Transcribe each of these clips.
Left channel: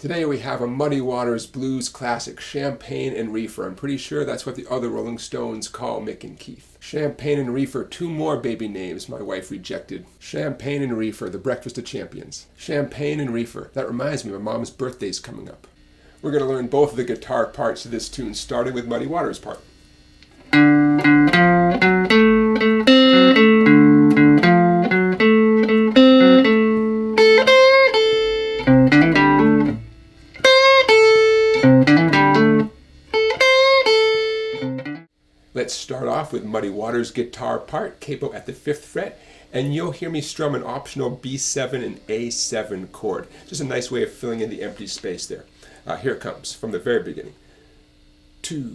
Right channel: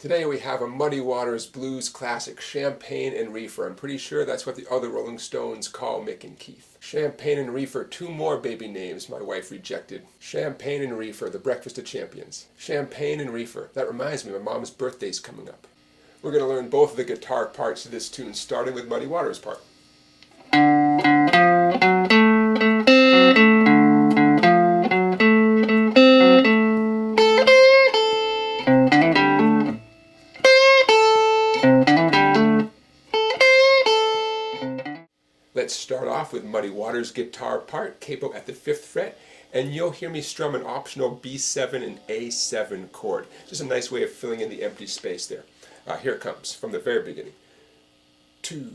Today we have a Muddy Waters blues classic, Champagne and Reefer. I'm pretty sure that's what the other Rolling Stones call Mick and Keith. Champagne and Reefer, two more baby names my wife rejected. Champagne and Reefer, the breakfast of champions. Champagne and Reefer. That reminds me, my mom's birthday's coming up. We're going to learn both of the guitar parts of this tune, starting with Muddy Waters' part. Let's start off with Muddy Waters' guitar part, capo at the 5th fret, and you'll hear me strum an optional B7 and A7 chord. Just a nice way of filling in the empty space there. Here it comes from the very beginning. 2,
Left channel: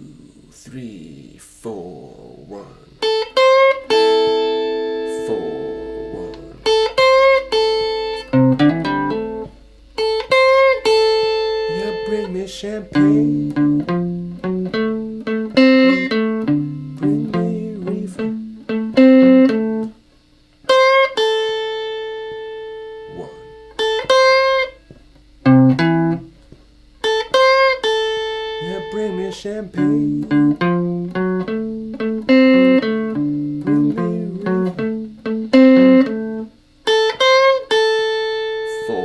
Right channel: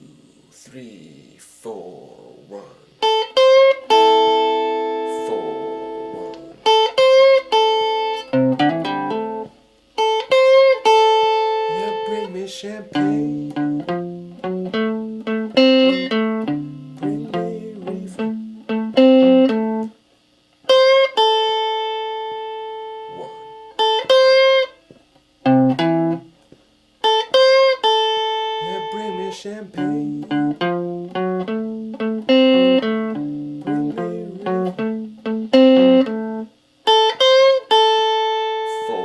3, 4, 1. 4, 1. You bring me champagne. Bring me champagne. Bring me Reefer. 4,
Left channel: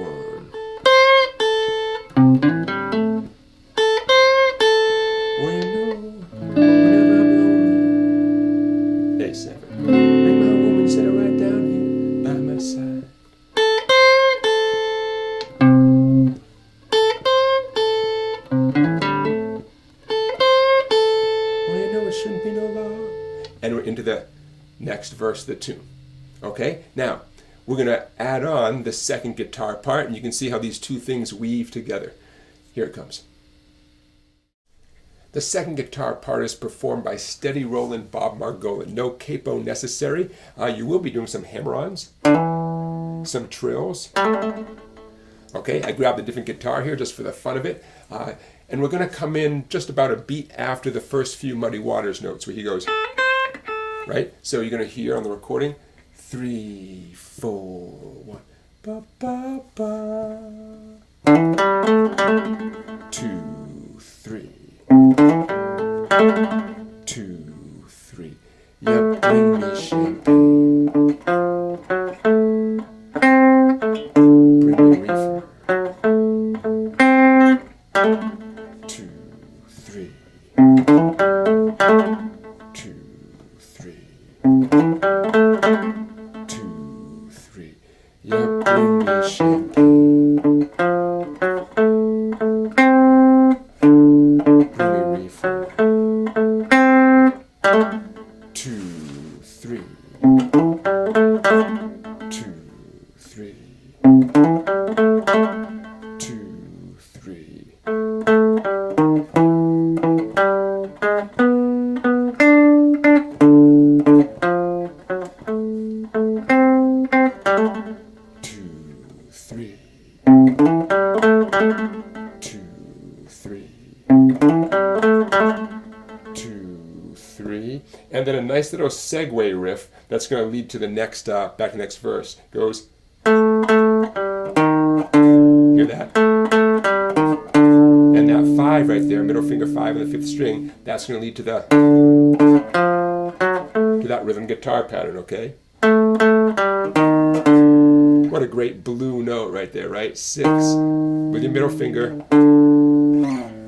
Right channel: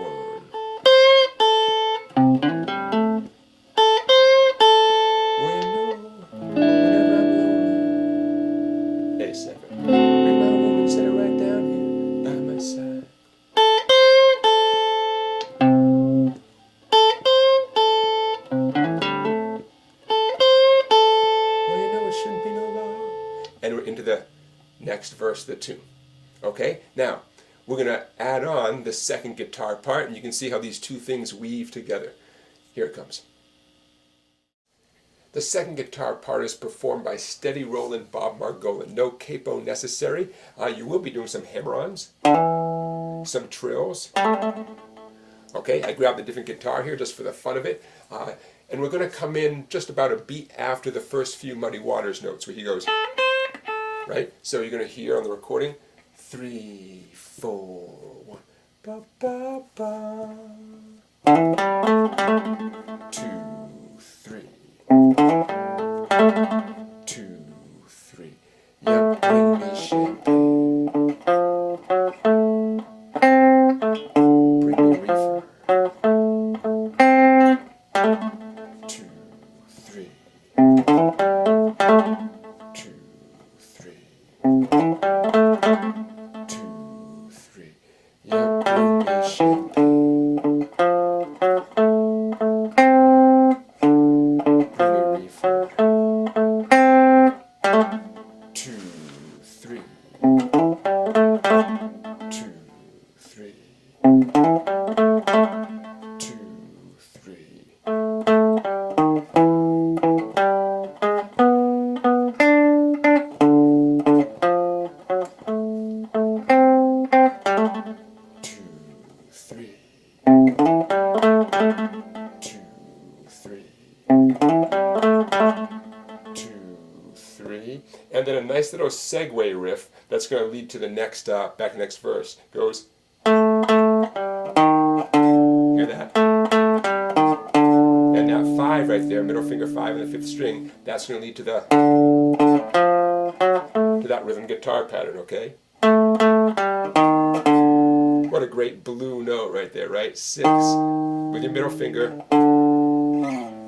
1. When whenever A7. Bring my woman, sit right down here by my side. Shouldn't be no law. And we're into the next verse of the tune. Okay, now we're going to add on the second guitar part, and you can see how these two things weave together. Here it comes. The second guitar part is performed by steady rolling Bob Margolin. No capo necessary. You will be doing some hammer-ons, some trills. Okay, I grabbed a different guitar here just for the fun of it. And we're going to come in just about a beat after the first few Muddy Waters notes where he goes, right? So you're going to hear on the recording, 3, 4, 1. Ba, ba, ba. 2, 3. 2, 3. Yeah, bring me champagne. Bring me Reefer. 2, 3. 2, 3. 2, 3. Yeah, bring me champagne. Bring me Reefer. 2, 3. 2, 3. 2, 3. 2, 3, and then a nice little segue riff that's going to lead to the next next verse. Goes, hear that? And that 5 right there, middle finger 5 on the 5th string, that's going to lead to that rhythm guitar pattern. Okay. What a great blue note right there, right? 6 with your middle finger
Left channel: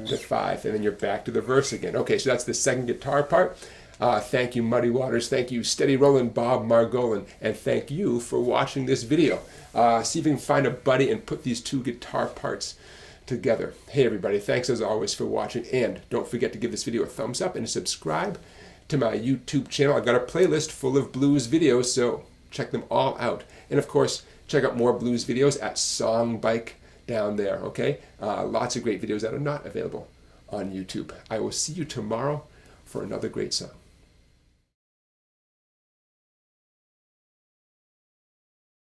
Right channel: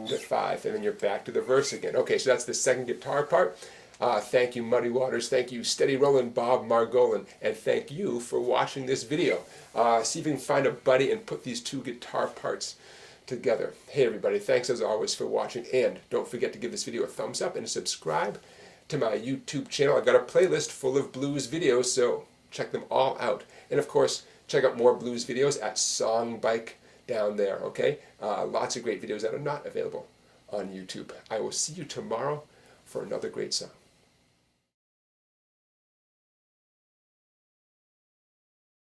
to 5, and then you're back to the verse again. Okay, so that's the second guitar part. Thank you, Muddy Waters. Thank you, Steady Rollin' Bob Margolin. And thank you for watching this video. See if you can find a buddy and put these two guitar parts together. Hey, everybody. Thanks, as always, for watching. And don't forget to give this video a thumbs up and subscribe to my YouTube channel. I've got a playlist full of blues videos, so check them all out. And, of course, check out more blues videos at Songbike down there, okay? Lots of great videos that are not available on YouTube. I will see you tomorrow for another great song.